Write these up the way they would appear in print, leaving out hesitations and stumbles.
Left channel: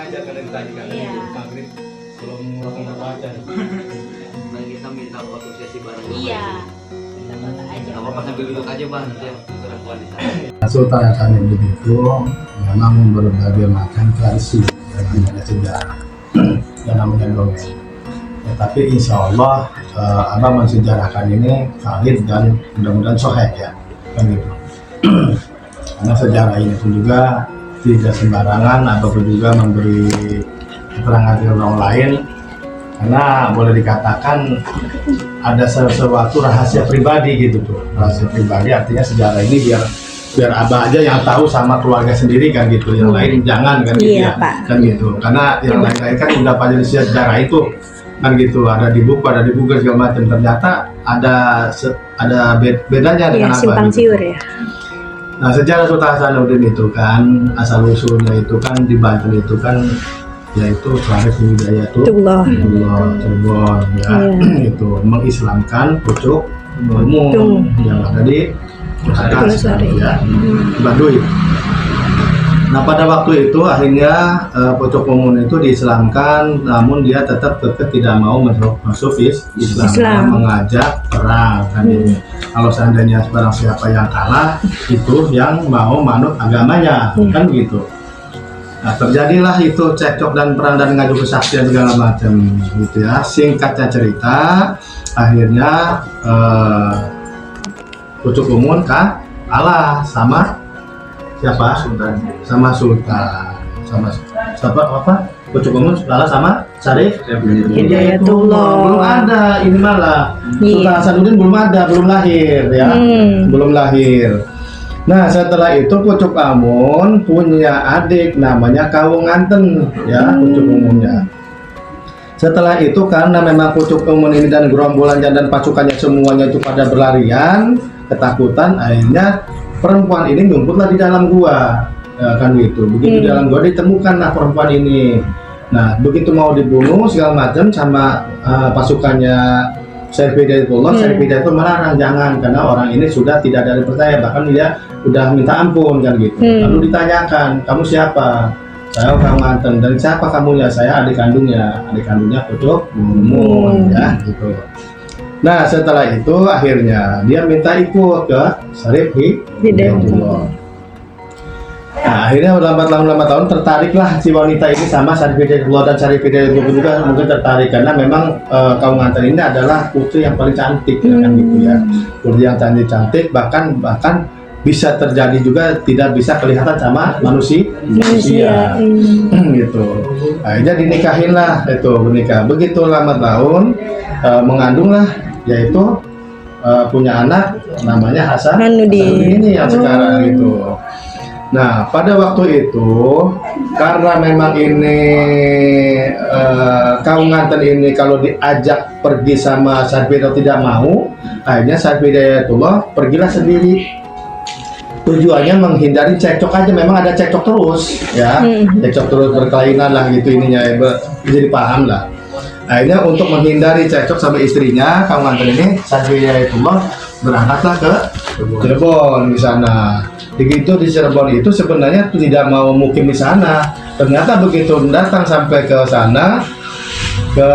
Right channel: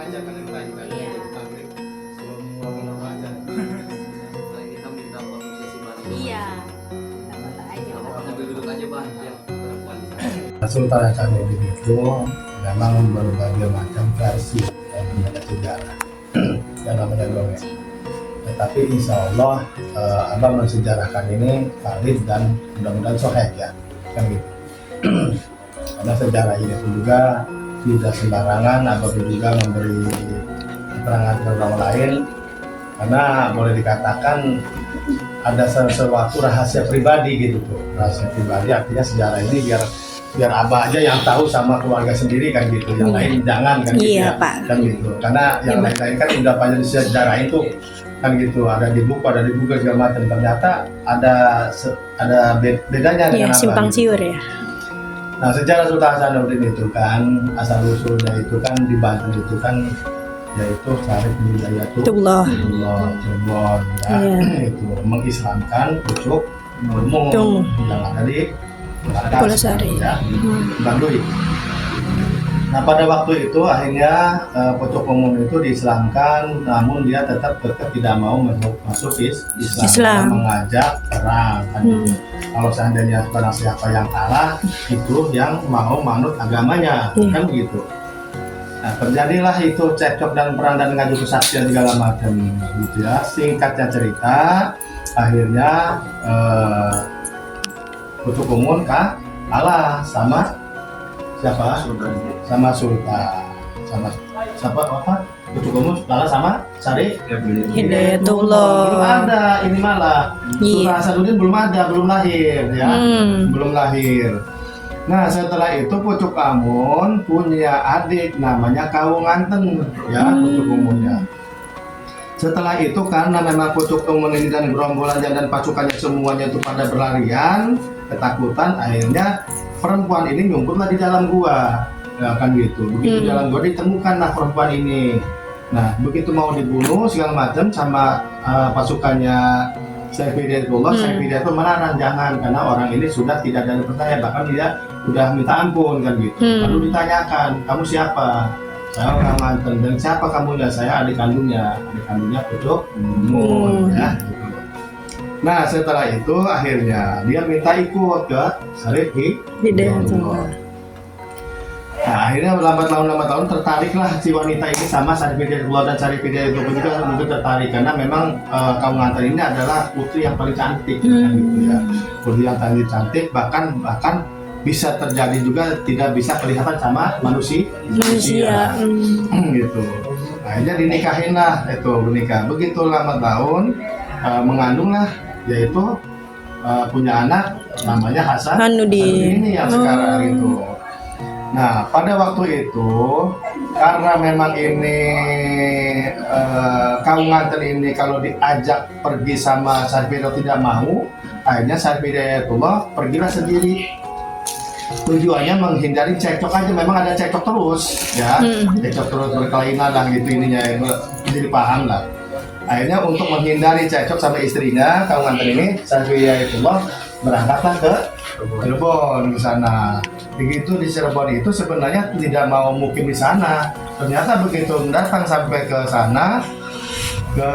ngajak kan dari tadi kan Iya. maghrib belum mau baca. Dan kita minta foto sesi bareng. Iya. Foto aja. Nggak apa-apa sambil duduk aja bang, ya perempuan di sana. Sultan Hasanuddin itu memang berbagai macam versi dari sejarah yang namanya dongeng. Tetapi insya Allah Abang mensejarahkan ini valid dan mudah-mudahan sahih ya, kan gitu. Karena sejarah ini pun juga tidak sembarangan ataupun juga memberi keterangan ke orang lain, karena boleh dikatakan ada sesuatu rahasia pribadi gitu tuh. Rahasia pribadi artinya sejarah ini biar abah aja yang tahu sama keluarga sendiri kan gitu, yang lain jangan kan gitu Iya, ya, Pak. kan gitu. Karena yang lain-lain kan udah pada sejarah itu kan gitu, ada di buku, ada di Google segala macam. Ternyata ada bedanya Iya, dengan apa simpang gitu. siur ya. Nah, sejarah Sultan Hasanuddin itu kan asal usulnya itu kan di Banten itu kan yaitu Syarif Itulah. Hidayatullah Cirebon ya, Iya. itu mengislamkan pucuk umum Tum. yang ada di atas Pulasari. ya, di Baduy. Nah, pada waktu itu akhirnya pucuk umum itu diislamkan, namun dia tetap tidak mau masuk Islam. Islam. Mengajak perang kan gitu. Kalau seandainya barang siapa yang kalah itu yang mau manut agamanya kan begitu. Nah, terjadilah itu cekcok dan perang dan ngadu kesaksian segala macam gitu ya. Singkatnya cerita, akhirnya pucuk umum kalah sama siapa? Sama Sultan. Sama siapa apa? Pucuk umum kalah sama Syarif Hidayatullah. Belum ada, ini malah Iya. Sultan Hasanuddin belum ada, belum lahir ya. Belum lahir. Nah, setelah itu Pucuk Amun punya adik namanya Kawunganten ya, Pucuk Umumnya. Setelah itu karena memang Pucuk Umun ini dan gerombolan dan pasukannya semuanya itu pada berlarian, ketakutan, akhirnya perempuan ini nyumputlah di dalam gua. Ya, kan gitu. Begitu di dalam gua ditemukanlah perempuan ini. Nah, begitu mau dibunuh segala macam sama pasukannya Syarif Hidayatullah, Syarif Hidayatullah melarang jangan, karena orang ini sudah tidak ada yang percaya, bahkan dia udah minta ampun kan gitu. Lalu ditanyakan, kamu siapa? Saya orang Manten. Dan siapa kamunya? Saya adik kandungnya Pucuk Umum ya gitu. Nah, setelah itu akhirnya dia minta ikut ke Syarif Hidayatullah. Nah, akhirnya lambat tahun tertariklah si wanita ini sama Syarif Hidayatullah, dan Syarif Hidayatullah pun juga mungkin tertarik karena memang Kawunganten ini adalah putri yang paling cantik ya, kan gitu ya. Putri yang cantik bahkan bisa terjadi juga tidak bisa kelihatan sama manusia gitu. Akhirnya dinikahinlah itu, menikah. Begitu lambat tahun mengandunglah, yaitu punya anak namanya Hasanuddin ini yang sekarang gitu. Nah, pada waktu itu karena memang ini Kawunganten ini kalau diajak pergi sama Syarif Hidayatullah tidak mau, akhirnya Syarif Hidayatullah pergilah sendiri. Tujuannya menghindari cekcok aja, memang ada cekcok terus ya, cekcok terus berkelainan lah gitu ininya, jadi paham lah. Akhirnya untuk menghindari cekcok sama istrinya Kawunganten ini, Syarif Hidayatullah berangkatlah ke Cirebon di sana. Begitu di Cirebon itu sebenarnya tidak mau mukim di sana. Ternyata begitu datang sampai ke sana, ke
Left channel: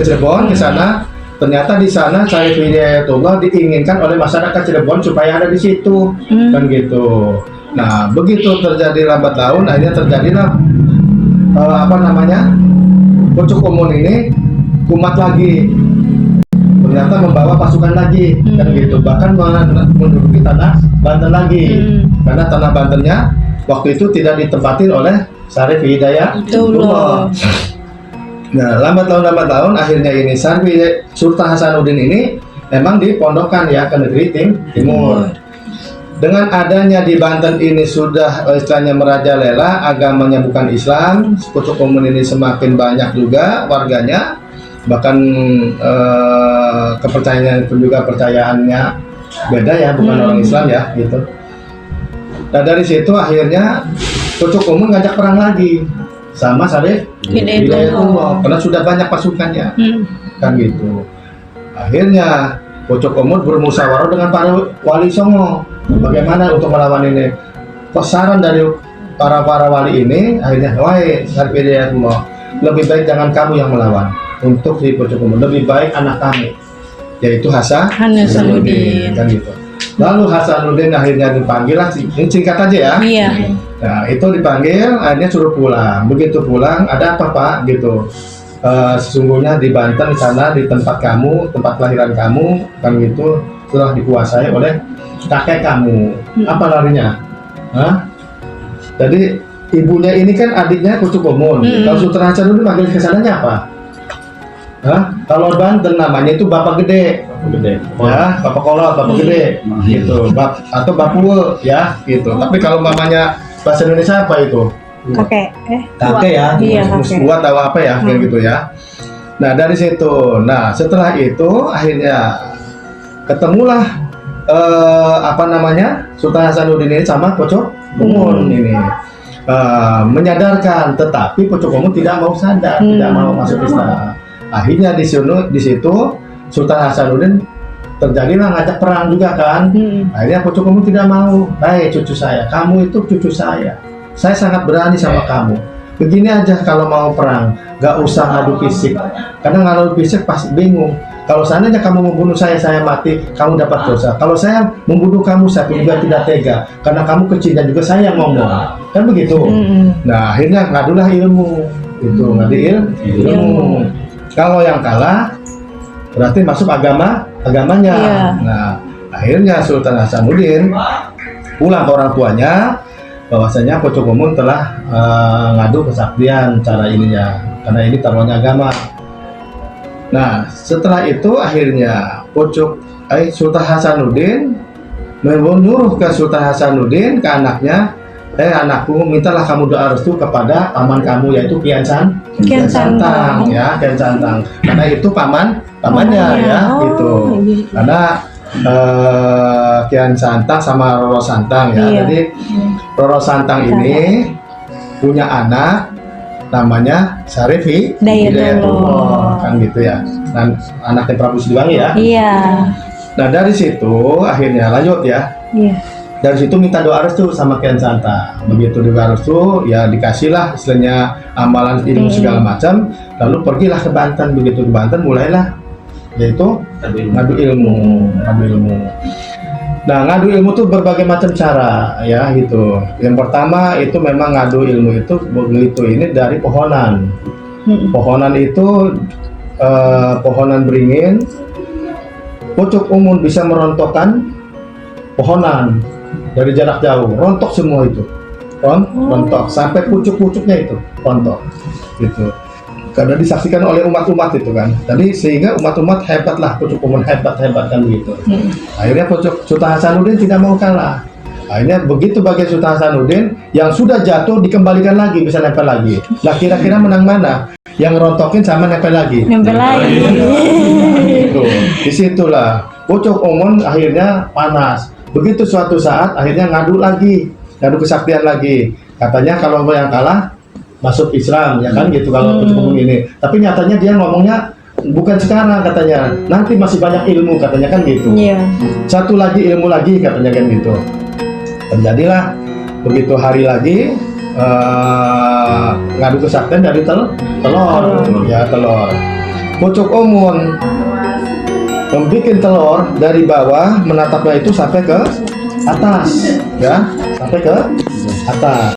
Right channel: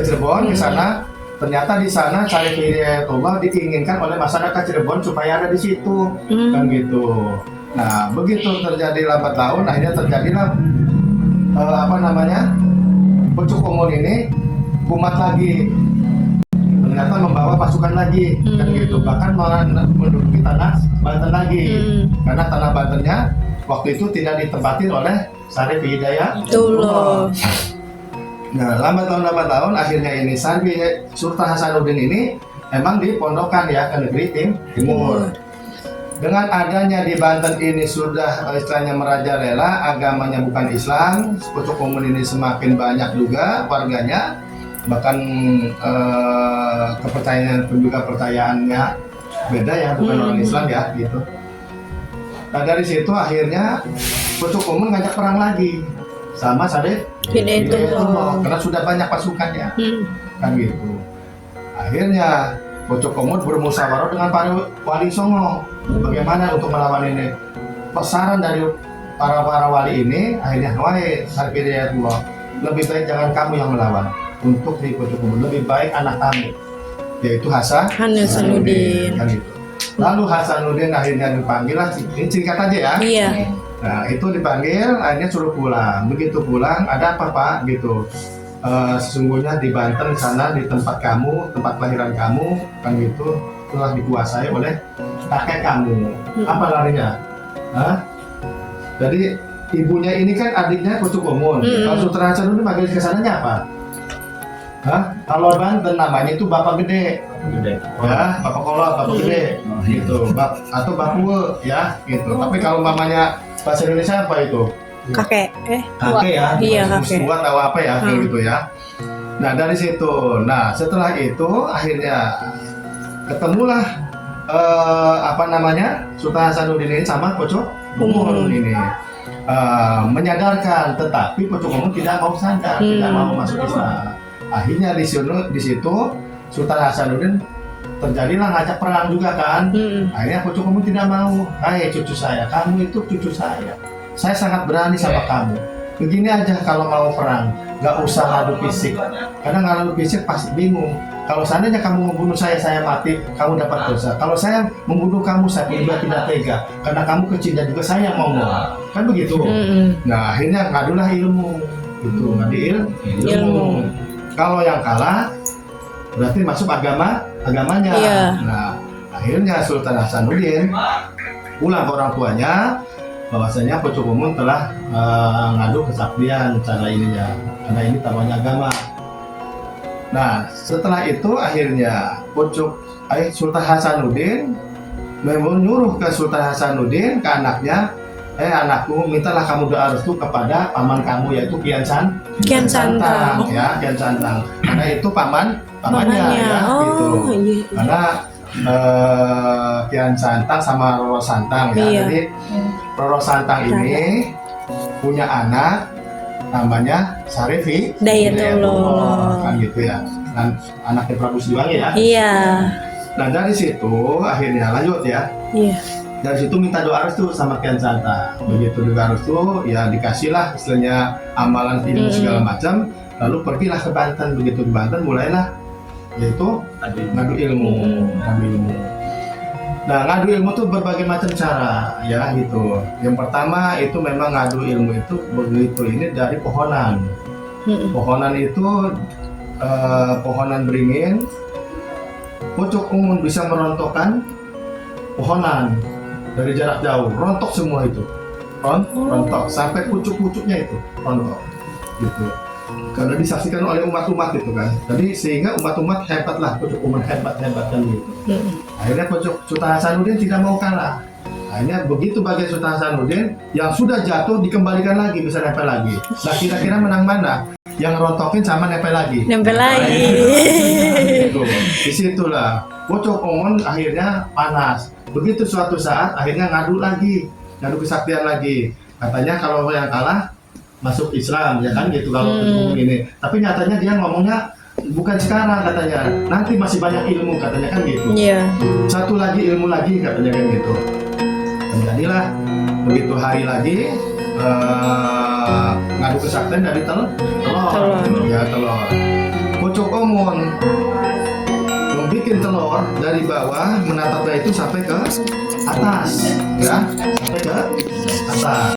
Cirebon ke sana, ternyata di sana Syarif Hidayatullah diinginkan oleh masyarakat Cirebon supaya ada di situ, kan gitu. Nah, begitu terjadi lambat laun, akhirnya terjadilah Pucuk Umum ini kumat lagi. Ternyata membawa pasukan lagi, kan gitu. Bahkan menduduki tanah Banten lagi, karena tanah Bantennya waktu itu tidak ditempatin oleh Syarif Hidayatullah. Nah, lambat laun akhirnya ini Sultan Hasanuddin ini memang dipondokkan ya ke negeri timur. Dengan adanya di Banten ini sudah istilahnya merajalela, agamanya bukan Islam, Pucuk Umum ini semakin banyak juga warganya, bahkan kepercayaan pun juga percayaannya beda ya, bukan orang Islam ya gitu. Nah, dari situ akhirnya Pucuk Umum ngajak perang lagi sama Syarif Hidayatullah karena sudah banyak pasukannya, kan gitu. Akhirnya Pucuk Umum bermusyawarah dengan para wali songo bagaimana untuk melawan ini. Saran dari para wali ini akhirnya, wahai Syarif Hidayatullah, lebih baik jangan kamu yang melawan untuk si Pucuk Umun, lebih baik anak kami, yaitu Hasanuddin, kan gitu. Lalu Hasanuddin akhirnya dipanggil lah, ini singkat aja ya. Iya. Nah itu dipanggil, akhirnya suruh pulang. Begitu pulang, ada apa Pak? Gitu. Sesungguhnya di Banten di sana, di tempat kamu, tempat kelahiran kamu, kan gitu, telah dikuasai oleh kakek kamu. Apa larinya? Hah? Jadi ibunya ini kan adiknya Pucuk Umun. Kalau Sultan Hasanuddin manggil ke sananya apa? Hah? Kalau Banten namanya itu Bapak Gede. Gede. Ya, Bapak Kolot, Bapak Gede, gitu, atau Bapue, ya, gitu. Tapi kalau mamanya bahasa Indonesia apa itu? Kakek. Kakek ya, Iya, kakek. Tua tahu apa ya, kayak gitu ya. Nah dari situ, nah setelah itu akhirnya ketemulah apa namanya Sultan Hasanuddin ini sama Pucuk Umun ini. Menyadarkan, tetapi Pucuk Umun tidak mau sadar, tidak mau masuk Islam. Akhirnya di situ Sultan Hasanuddin terjadilah ngajak perang juga kan. Akhirnya Pucuk Umun tidak mau. Hai cucu saya, kamu itu cucu saya sangat berani sama kamu. Begini aja kalau mau perang, gak usah ngadu fisik, karena ngadu fisik pasti bingung. Kalau seandainya kamu membunuh saya mati, kamu dapat dosa. Kalau saya membunuh kamu, saya juga tidak tega, karena kamu kecil dan juga saya yang ngomong, kan begitu. Nah akhirnya ngadulah ilmu, itu ngadu ilmu. Kalau yang kalah berarti masuk agamanya. Iya. Nah akhirnya Sultan Hasanuddin pulang ke orang tuanya bahwasanya Pucuk Umun telah ngadu kesaktian cara ininya, karena ini taruhannya agama. Nah setelah itu akhirnya Sultan Hasanuddin menyuruh ke Sultan Hasanuddin, ke anaknya, anakku, mintalah kamu doa restu kepada paman kamu, yaitu Kian Santang, ya, Kian Santang, karena itu pamannya ya, gitu. Karena Kian Santang sama Roro Santang ya. Iya. Jadi Roro Santang ini punya anak namanya Syarif Hidayatullah, kan gitu ya. Dan anaknya Prabu Siliwangi ya. Iya. Nah dari situ akhirnya lanjut ya. Iya. Dari situ minta doa restu sama Kian Santang. Begitu doa restu, ya dikasihlah istilahnya amalan ilmu segala macam. Lalu pergilah ke Banten. Begitu ke Banten mulailah yaitu ngadu ilmu. Nah ngadu ilmu itu berbagai macam cara ya gitu. Yang pertama itu memang ngadu ilmu itu begitu ini dari pohonan. Pohonan itu pohonan beringin. Pucuk Umun bisa merontokkan pohonan dari jarak jauh, rontok semua itu, rontok sampai pucuk-pucuknya itu rontok, gitu. Karena disaksikan oleh umat-umat itu kan. Jadi sehingga umat-umat hebatlah, Pucuk Umun hebat kan begitu. Akhirnya Sultan Hasanuddin tidak mau kalah. Akhirnya begitu bagi Sultan Hasanuddin yang sudah jatuh dikembalikan lagi, bisa nempel lagi. Nah kira-kira menang mana? Yang rontokin sama nempel lagi. Gitu. Disitulah Pucuk Umun akhirnya panas. Begitu suatu saat akhirnya ngadu kesaktian lagi. Katanya kalau yang kalah masuk Islam, ya kan gitu kalau Pucuk Umun ini. Tapi nyatanya dia ngomongnya bukan sekarang katanya. Nanti masih banyak ilmu katanya kan gitu. Iya. Satu lagi ilmu lagi katanya kan gitu. Terjadilah begitu hari lagi ngadu kesaktian dari telur. Pucuk Umun membuat telur dari bawah, menatapnya itu sampai ke atas, ya, sampai ke atas.